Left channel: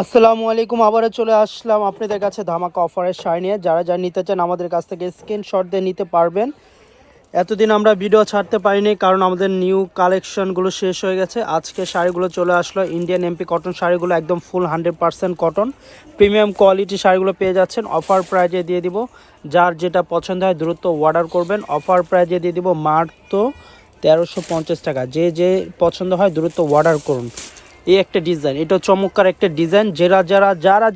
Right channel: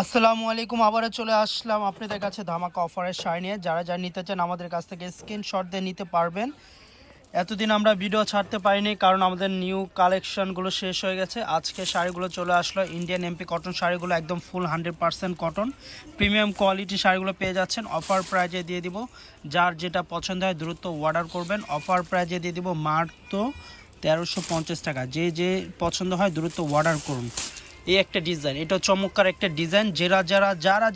আসসালামু আলাইকুম। আবারও চলে আসলাম আপনাদের কাছে ধামাকা অফারের শাড়ি নিয়ে। যারা যারা নিতে চান আমাদের কাছ থেকে স্ক্রিনশট দিয়ে নিতে পারবেন। এতদিন আমরা ভিডিও ছাড়তে পারিনি কারণ আমাদের নিউ কালেকশনগুলো শেষ হয়ে গেছে। আজকে শাড়িগুলো চলে আসলো ইন্ডিয়ান এমপি কটন শাড়িগুলো, একদম ফুল 100% কটন প্রিমিয়াম কোয়ালিটি শাড়িগুলো পেয়ে যাচ্ছেন অফার প্রাইজে দিয়ে দিব। যার যেটা পছন্দ হয় দ্রুত অর্ডার করবেন। অফার প্রাইজে দিয়ে দিব মাত্র 1350 টাকা। যে যে পছন্দ হয় দ্রুত অর্ডার করুন। এই একটা ডিজাইন, এটা চমৎকার একটা ডিজাইন।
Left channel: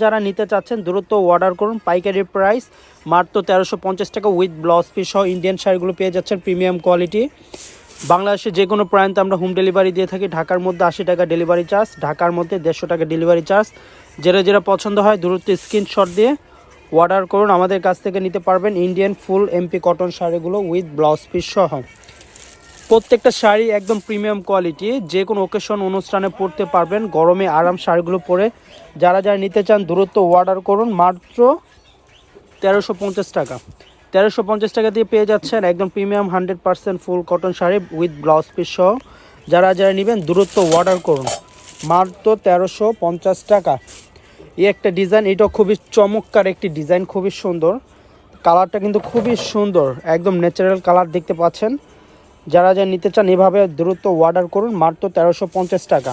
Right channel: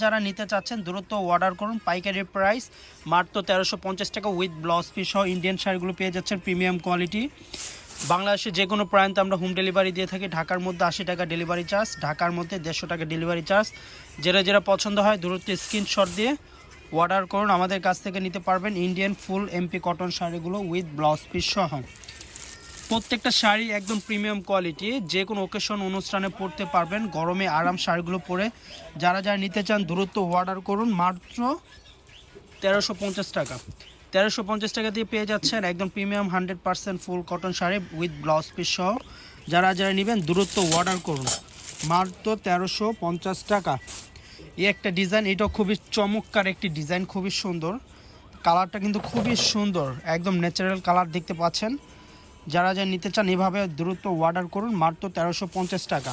যারা নিতে চাচ্ছেন দ্রুত অর্ডার করুন। পাইকারি প্রাইস মাত্র 1350 টাকা উইথ ব্লাউজ পিস সহ ইন্ডিয়ান শাড়িগুলো পেয়ে যাচ্ছেন প্রিমিয়াম কোয়ালিটি। বাংলাদেশে যে কোনো প্রান্তে আমরা হোম ডেলিভারি দিয়ে থাকি। ঢাকার মধ্যে 80 টাকা ডেলিভারি চার্জ, ঢাকার মধ্যে 150 টাকা ডেলিভারি চার্জ। যেটা পছন্দ হয় দ্রুত স্ক্রিনশট দিয়ে অর্ডার করুন। আমাদের কাছ থেকে নিতে পারবেন ইন্ডিয়ান ফুল এমপি কটন শাড়িগুলো উইথ ব্লাউজ পিস সহ। প্রত্যেকটা শাড়ি একদম প্রিমিয়াম কোয়ালিটি, যে কোনো ওকেশন অনুষ্ঠানে পরতে পারবেন। গরমে আরাম শাড়িগুলো পরে যারা নিতে চান দ্রুত অর্ডার করুন। মাত্র 1350 টাকা। 1350 টাকা দিয়ে পেয়ে যাচ্ছেন একদম premium 100% full cotton sari with blouse piece সহ। যারা নেবেন দ্রুত অর্ডার করুন। মাত্র 1350 টাকা। এই একটা ডিজাইন, এটা খুবই চমৎকার একটি ডিজাইন, খুবই সুন্দর। কালারটা কিন্তু খুবই সুন্দর, একদম ন্যাচারাল কালার দেখতে পাচ্ছেন। যারা নিতে চান এভাবে দ্রুত অর্ডার করুন। মাত্র 1350 টাকা।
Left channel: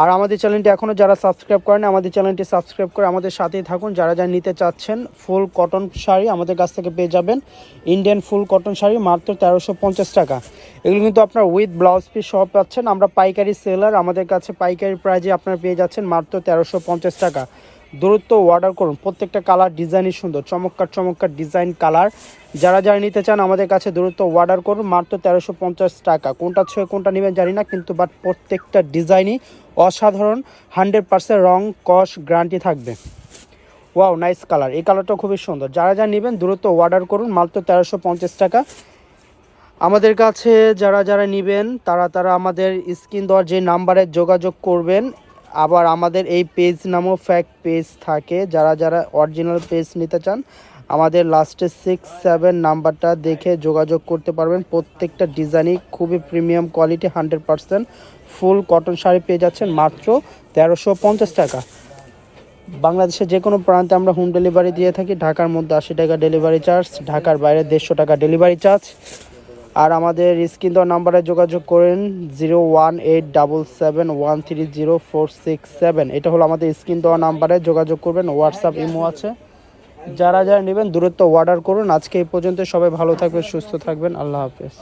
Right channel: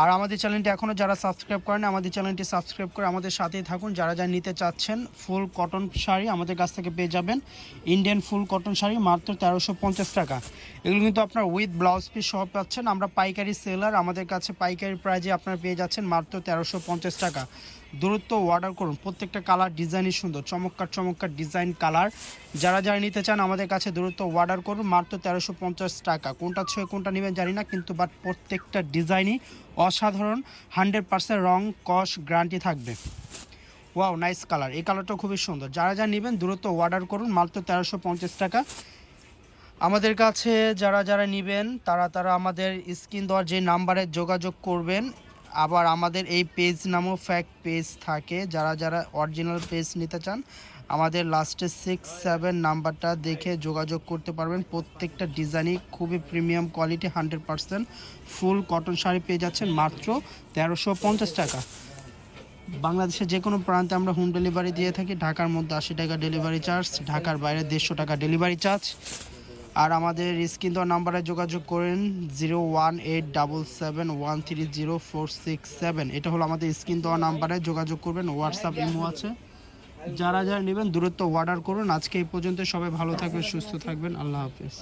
আর আমাদের চ্যানেলটি এখনও যারা সাবস্ক্রাইব করেন আমাদের চ্যানেলটি সাবস্ক্রাইব করে আমাদের সাথেই থাকুন। যারা নিতে চাচ্ছেন ফুল কটন শাড়ি আমাদের কাছ থেকে পেয়ে যাবেন ইন্ডিয়ান ফুল কটন শাড়ি মাত্র 1350 টাকা। এগুলো কিন্তু আপনার উইথ ব্লাউজ পিস সহ পাচ্ছেন। আমরা পাইকারি সেলার, আমাদের কাছে পাইকারি প্রাইজে আপনারা পেয়ে যাচ্ছেন মাত্র 1350 টাকা। দ্রুত অর্ডার করুন। প্রত্যেকটা কালার ডিজাইনই সুন্দর, চমৎকার ডিজাইন কালার। যারা নিতে চান আমাদের কাছে দ্রুত অর্ডার করুন। মাত্র 1350 টাকা। কোনটা ছয় কোনটা নেবেন জানি না, কিন্তু বাট প্রত্যেকটা ডিজাইনই অসাধারণ। 100% রং কস গ্যারান্টি থাকবে। Wow, nice colour. এই কালারটাও খুবই সুন্দর। যারা নেবেন দ্রুত অর্ডার করুন। মাত্র 1350 টাকা। আমাদের কাছে যারা নেবেন তারা আমাদের স্ক্রিন দেওয়ার যে নাম্বারে যোগাযোগ করবেন। আবার আমাদের এই পেজ নামও ফ্যাক্ট পেজ থাকে। যারা অরিজিনাল পেজ নিতে চান আমাদের লাস্টে 67 নাম্বারটা দেখে যোগাযোগ করতে পারবেন। প্রত্যেকটা ডিজাইনই খুবই প্রিমিয়াম কোয়ালিটি 100% ফুল কটন শাড়ি পেয়ে যাচ্ছেন মাত্র 1350 টাকা। বাংলাদেশের যে কোনো প্রান্তে আমরা হোম ডেলিভারি দিয়ে থাকি। ঢাকার মধ্যে 80 টাকা ডেলিভারি চার্জ, ঢাকার বাইরে 150 টাকা ডেলিভারি চার্জ। আর আমাদের স্ক্রিন দেওয়া নাম্বারে যোগাযোগ করেন 01877130467। এটা হলো আমাদের স্ক্রিন দেওয়া নাম্বারে যোগাযোগ করবেন। হোয়াটসঅ্যাপ ইমো আছে। যারা নেবেন দ্রুত অর্ডার করুন। আজকে এই পর্যন্ত। সবাই ভালো থাকবেন, সুস্থ থাকবেন। আল্লাহ হাফেজ।